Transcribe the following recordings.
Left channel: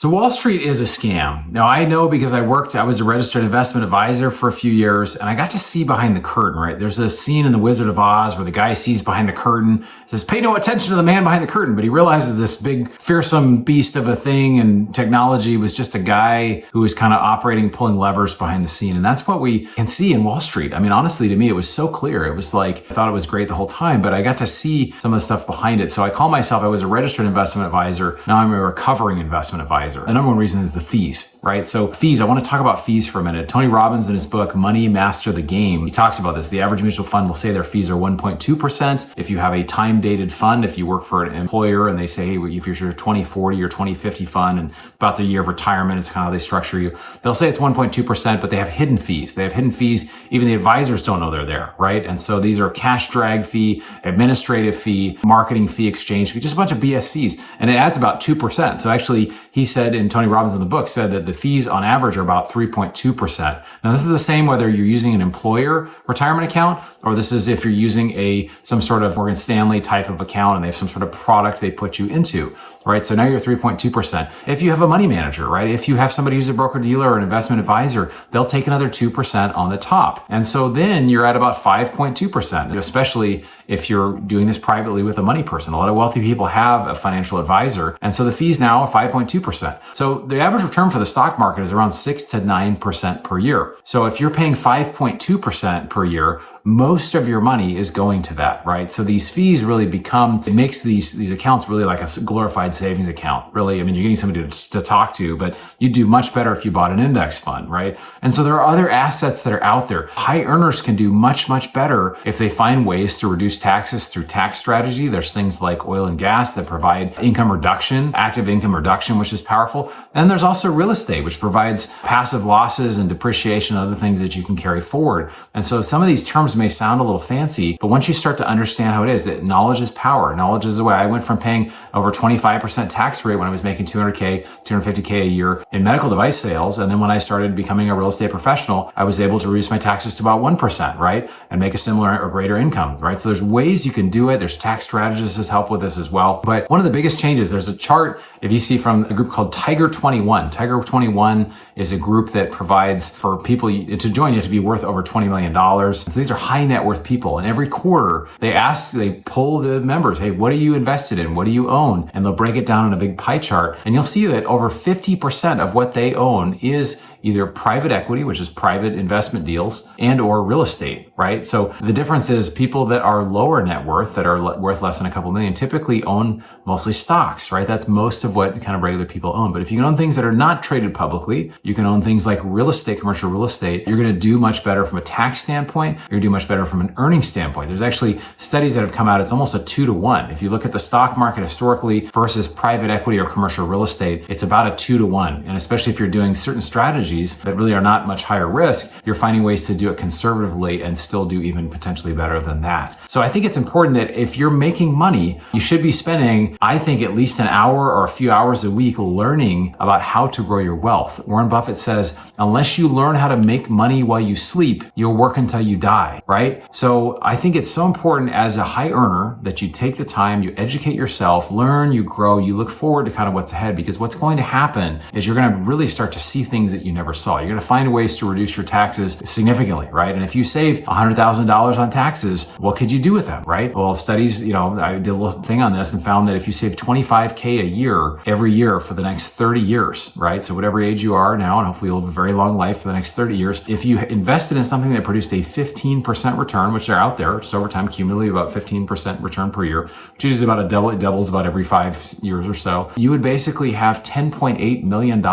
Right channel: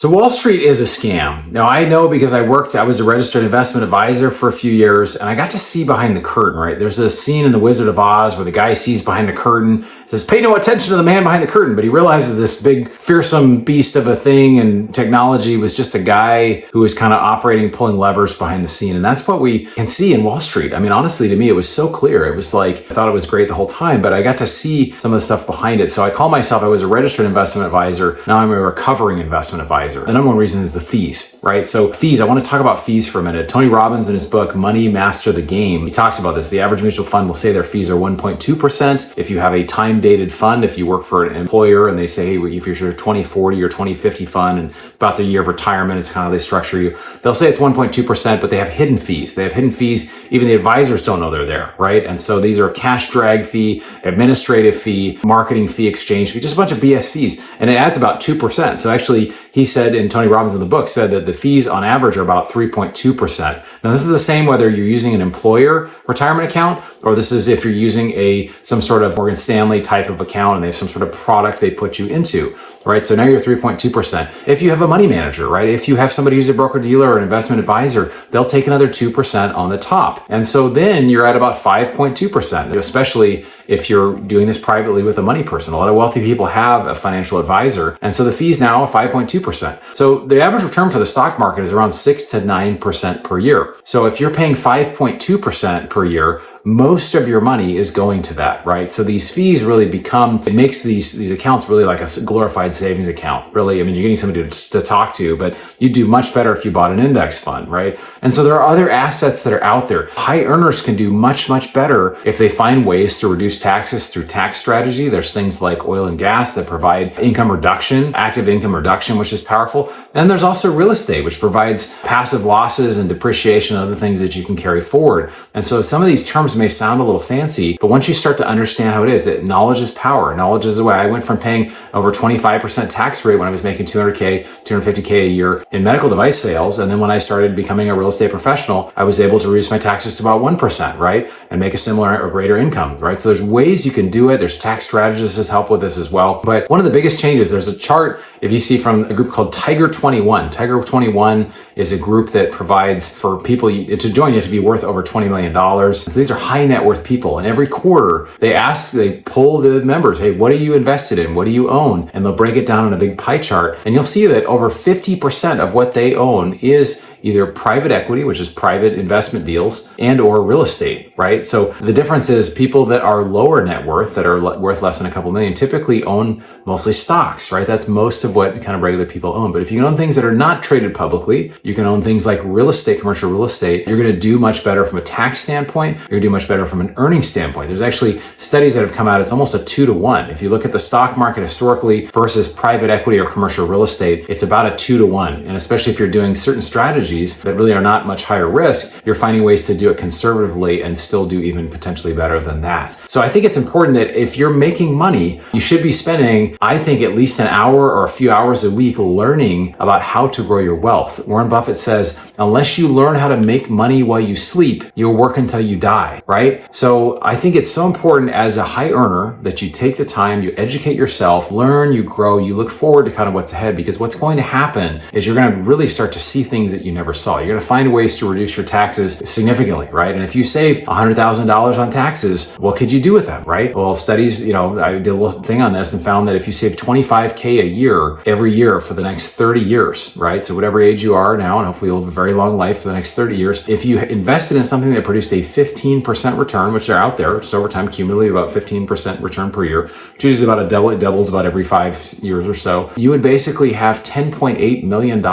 So Wall Street is a scam. Now I know because I was a registered investment advisor for a few years and I got to see behind the curtain, right? There's this scene in The Wizard of Oz where the guy sees behind the curtain, says, pay no attention to the man behind the curtain. But he realizes this big fearsome beast of a thing and technology was just a guy who was kind of operating, pulling levers behind the scene. And that's what we can see in Wall Street. I mean, honestly, to me, it was so clear. It was like, I thought it was great the whole time, but I got to see some of the stuff behind it. So I call myself, I was a registered investment advisor. Now I'm a recovering investment advisor. The number one reason is the fees, right? So fees, I want to talk about fees for a minute. Tony Robbins in his book, Money Master the Game, he talks about this. The average mutual fund will say their fees are 1.2%. If you have a time-dated fund, if you work for an employer and they say, hey, if you're your 2040 or 2050 fund and about the year of retirement is kind of how they structure you, they'll say it's 1.2%, but they have hidden fees. They have hidden fees. Even the advisors don't know they're there, right? And so these are cash drag fee, administrative fee, marketing fee, exchange fee, just a bunch of BS fees. And it adds about 2%. So actually, he said, and Tony Robbins in the book said that the fees on average are about 3.2%. Now, this is the same whether you're using an employer retirement account or this is if you're using some sort of Morgan Stanley type of account and they have some sort of product they put you into, right? So now you're 3.2%. If you have a money manager, right? If you have somebody who's a broker dealer or an investment advisor, they'll take another 2% on the top. And so then you're at about 5.2%, especially if you're doing this privately with a money person. A lot of wealthy people have a financial advisor. And so the fees now are 5.2%. So the average return for the stock market is around 6 to 9% per year. So if you're paying 5.2% per year, most of your money is going to that, right? So these fees really it makes these accounts really like a glorified savings account. Really, I mean, you're getting somebody to talk to, but you'd do much better if you bought an index fund, right? And so there are other assets that are out there. High earners can do much, much better if they find ways to reduce taxes through tax strategy. There's things like oil and gas that provide income reduction, active income reduction, which is powerful. And there's also real estate, which provides passive losses and depreciation and other things that you can carry forward. And so some of these terms may sound a little fancy, but once you start to understand how it is, that knowledge is power. Knowledge is the way. I went from paying over 25% tax rate when I was making 200K, 250K a year in medical device sales. And then when I started becoming a real estate professional, I was able to reduce my taxes to about 1%, right? And make a similar or greater income, right? So there's ways you can do it. There's tax strategists that help with this as well. But one of the biggest changes, there's a chart, if you see from a group called Tiger 21. Tiger 21 is a group that provides for people to join, you have to be worth over $20 million. So these are high net worth people. And every quarter they pull the members, hey, what are you invested in? What do you own? And they'll break it down in a big pie chart. And you'll see that over 50% of what they own is either private equity, which is private investment deals, and or real estate, right? So the difference is people that are lower net worth, that are worth less than a couple million, typically own mostly stocks, right? That's most of what kind of regular people own. But if you can own things that are not traded publicly, you can own things like real estate, commercial real estate, you're going to do much better from a tax standpoint. You're going to do much better from an earnings standpoint. There's actually studies that have come out. It's almost a 2-to-1. If you look at the stock market historically versus private equity or commercial real estate, it's about a 2-to-1. And especially if you're doing certain strategies that really are not much higher risk, you're finding ways to do it conservatively and still do even potentially better than that. So I think it's important that if you're making money, you should be spending, I think, at least an hour or a few hours a week learning about how to grow your wealth. Warren Buffett says, unless you learn how to make money while you sleep, you'll work until you die, right? So I think it's so important as a high earner that you take the time, you educate yourself, learn, you grow, you look forward to kind of what's ahead, because what's going to happen is you're going to really start to see things that you never saw. You're going to find ways to reduce your taxes significantly, right? And if you save $100,000 on taxes, what could you do with them, right? Well, studies, I did a little thing on this and found that if you save $25K a year, every year for the next 30 years, right? So whatever age you are now, and hopefully you'll live a very long life for the next 30 years, if you invested in something that produced a 15% return, which are out there, just over time, cumulatively about 15% return per year, which is about it doubles about every 5 years or so, you would basically have $10.8 million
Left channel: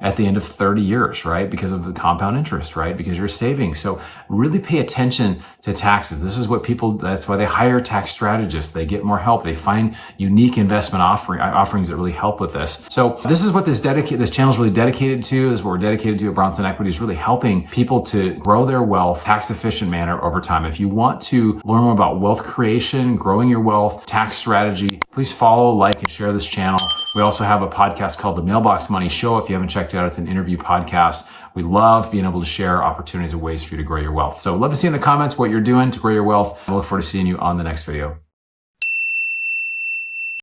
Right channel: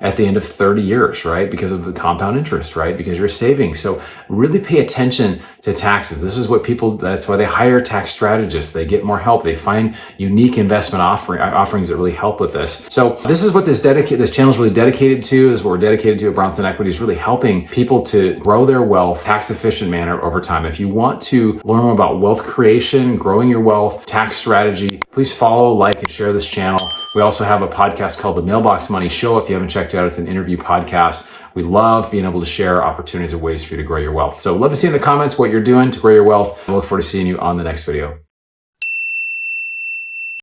at the end of 30 years, right? Because of the compound interest, right? Because you're saving. So really pay attention to taxes. This is what that's why they hire tax strategists. They get more help. They find unique investment offerings that really help with this. So this is what this channel is really dedicated to. This is what we're dedicated to at Bronson Equity, is really helping people to grow their wealth tax efficient manner over time. If you want to learn more about wealth creation, growing your wealth, tax strategy, please follow, like, and share this channel. We also have a podcast called The Mailbox Money Show. If you haven't checked it out, it's an interview podcast. We love being able to share opportunities and ways for you to grow your wealth. So love to see in the comments what you're doing to grow your wealth. I look forward to seeing you on the next video.